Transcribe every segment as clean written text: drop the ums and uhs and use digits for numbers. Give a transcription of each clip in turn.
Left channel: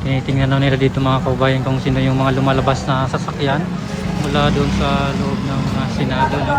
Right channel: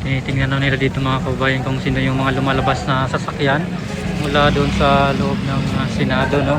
tinitingnan na nila dito mga kabayan kung sino yung mga lumalabas na sasakyan mula doon sa loob ng Senado, no?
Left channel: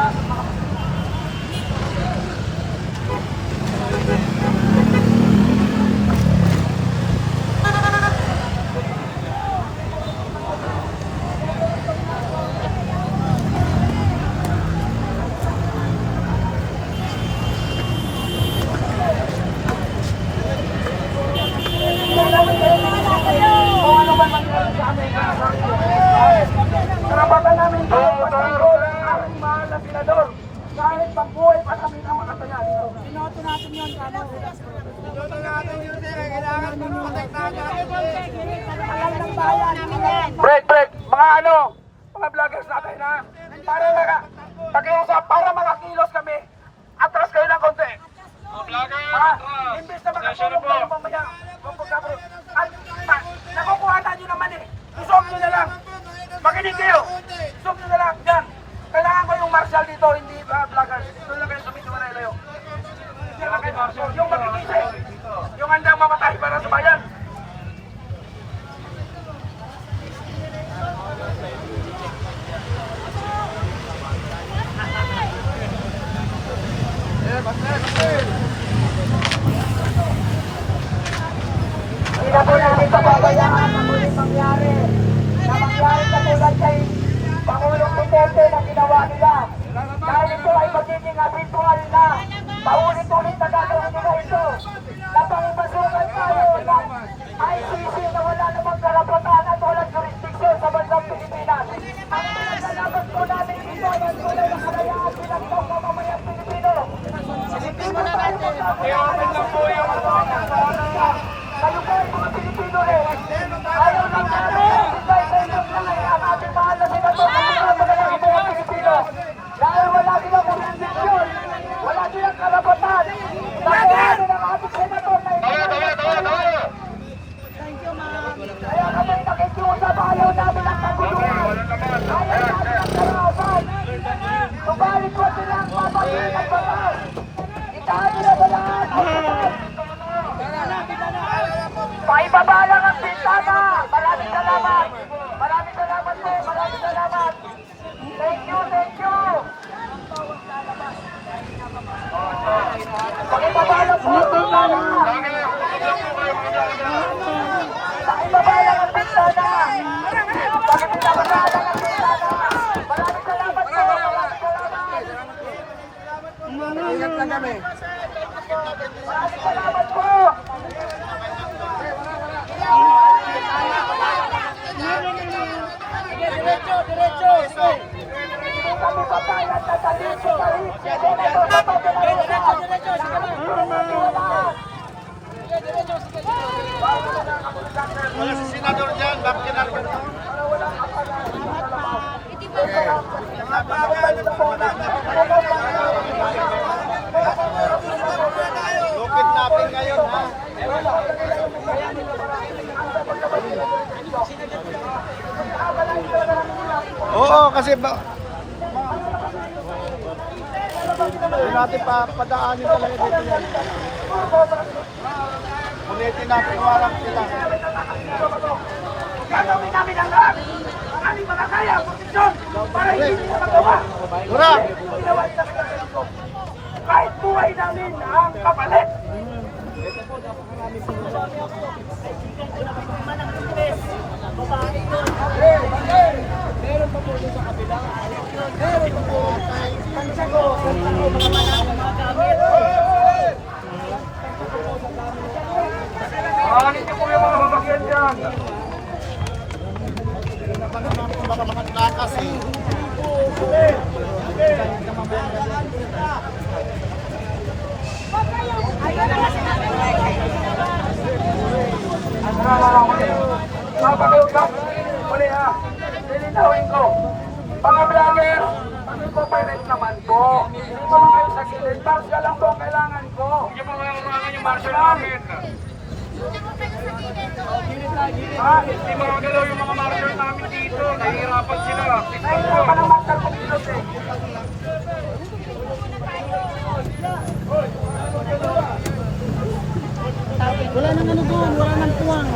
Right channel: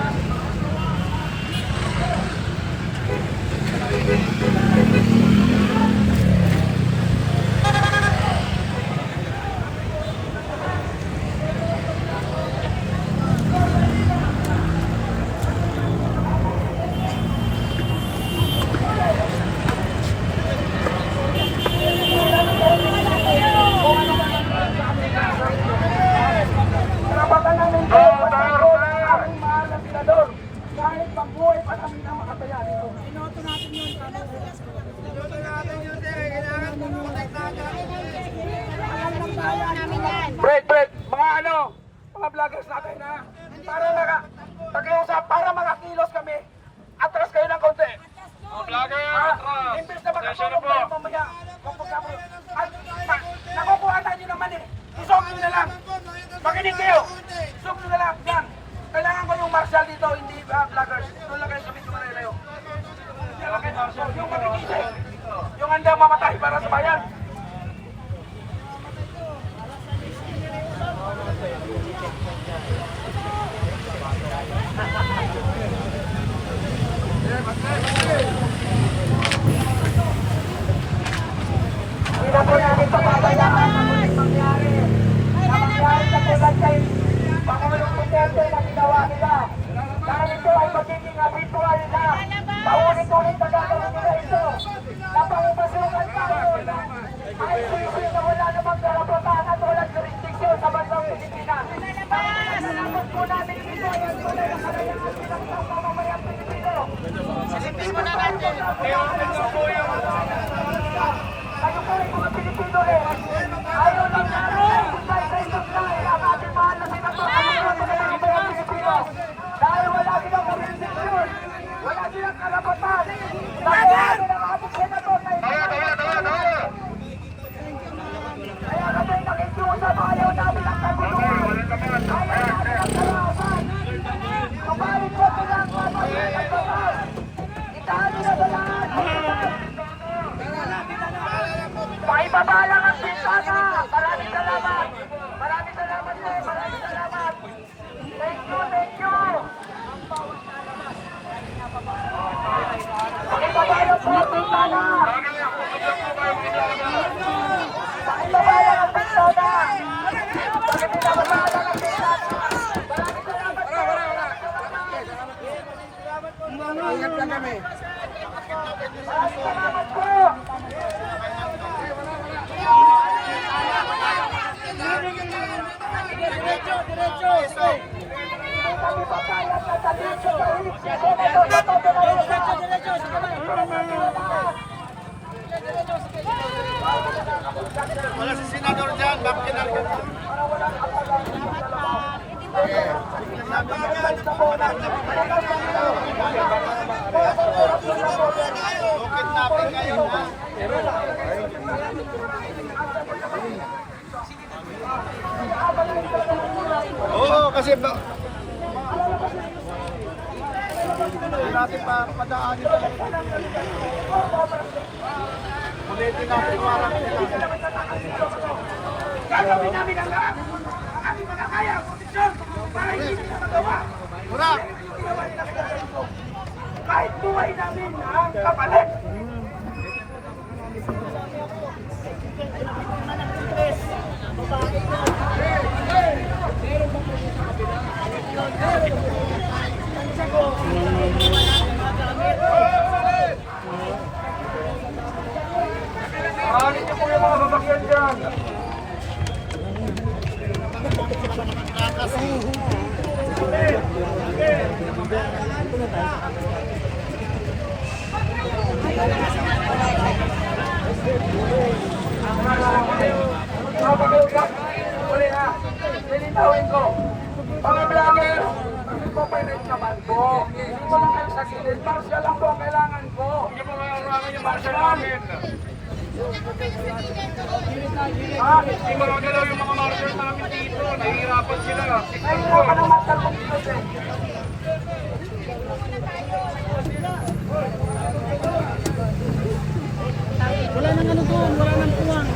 Karapatan namin ito, patanggo ng aming mahal na senador. Kahit pagbuhay pa namin ang makataya dito. Binoto natin yun, break! Mga vloggers natin ha. Para pakiusap, para makakilos kami. Atras kayo ng konti. Mga vloggers, imbes na makatulong kayo mamaya. At nakukuhanan nyo naman eh. Isok nyo na lang. Makinig kayo. Isok nyo na lang. Yan. Kailangan ko yung marshal dito, hindi vloggers. Doon lang kayo sa medyo na ilayo. Yung makinisip. Yung handang mamatay para sa bayan. Pangulong Duterte na ginawa nila. Dahil ito ay magiging habitual na paulit-ulit na gagawin nila ito. Napangipasukan tayo ng ICC na wala namang karapatan at walang jurisdiction sa bansang Pilipinas. Salamat po namin dito ng wala na kalayaan bilang ng mamamayang Pilipino. Hindi mo tayo magkakayaan ng kayo tayo mga Pilipino eh. Ayaw lang namin ang ating mahal na senador ng mga Pilipino. Dahil wala silang jurisdiction, wala silang karapatan. Dahil namin ang ating senador na ito. Thank you, ma'am. Kaya kami nakikiusap, ayaw namin ang kabuluhan. Ayaw namin ang kalawasan. Subalit ko sila ang mapagin at batas. Itahan nila ba lahat? Paibaba lang ang bintana. Maraming salamat. Maraming salamat po. Maraming salamat. Thank you, thank you. Ang bawat lalabas ay napapagod. Paibaba lang po ang bintana. Paibaba lang ang bintana. Paibaba lang ang bintana. Maraming salamat po. Maraming salamat. Maraming salamat po. Kami papayag na sa dito sa Senado sa pagkakalaga. Wala si senador dyan, bakit kinakulong? Para walang apalan sa labas. Bukit natin ngayon ha. Oo, kasi ba... natin pa padaanin pa rin. Ulitin natin walang gagawin namin ang lahat. Ang aming makakaya, posisyon, para hindi nila magawa. Ginawa nila sa kahit buhay namin ang kapalit. Aanin niyo po yung mga sasakyan dyan. Uli ha, nilitawin ko. Mga vlogger, mag-cooperate naman po. Dito lang kayo sa gilid. Marshal lang po ang kailangan ko. Hindi po kaya urangan yung marshal namin. Hindi mo galaw yung mga marshal namin dito. Nahihirapan sila. Nahihirapan ang marshal kong dito eh. Wala naman ito, wala naman tuwang.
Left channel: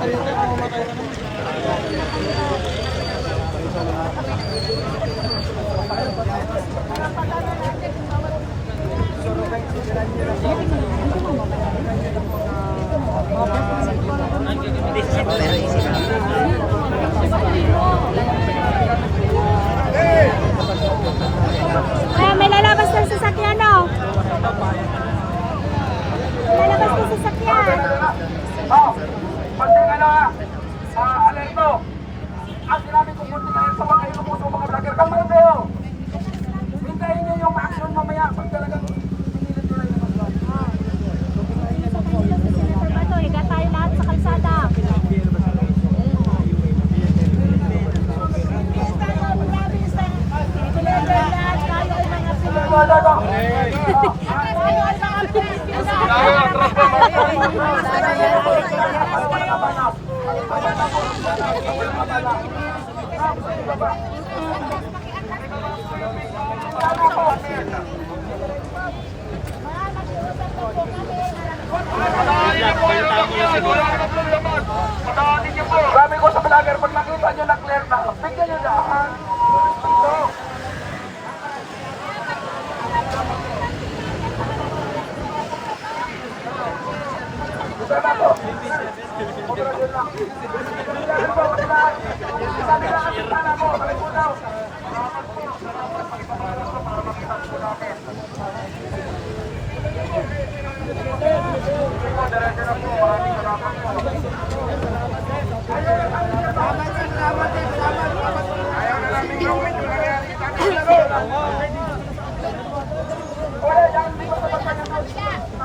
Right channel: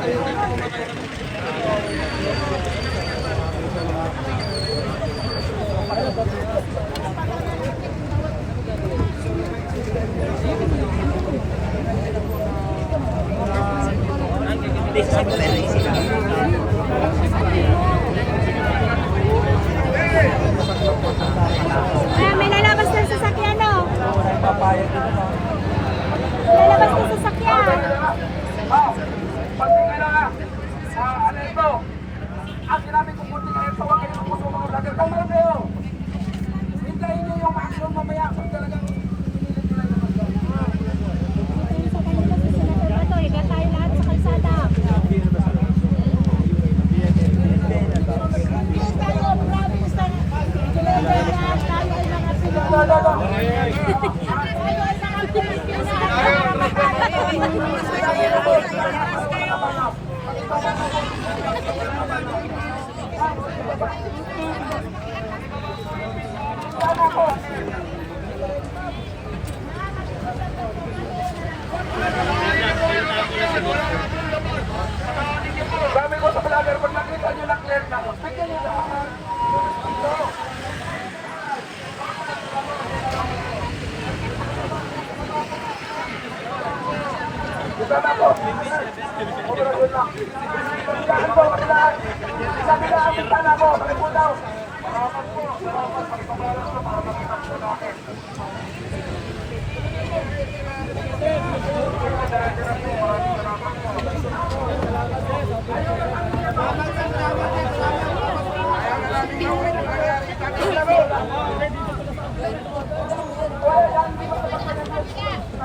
May lalabas ng sasakyan, no? May lalabas ng sasakyan. Pagtingin na, alerto. Ang sinabi kong punting alerto, huwag kayo lupuso mga vlogger. Kalmahin kayo. Hintayin nyo yung action mamaya pag talagang pinilit nila yung mga vlogger. Ito sa kanila sa Senator Bato. Higa tayo lahat sa kalsada. Tayo ay mga Pilipino. Tayo ay mga Pilipino. Sabi ko sa vlogger, pag nakita nyo na clear na, bigyan nyo na. Ito. Sana po. Operasyon lang. Sabi na ating sana po. Ayaw na namin gawin yung nangyari. Wala yan, hindi ko sa mga marshal.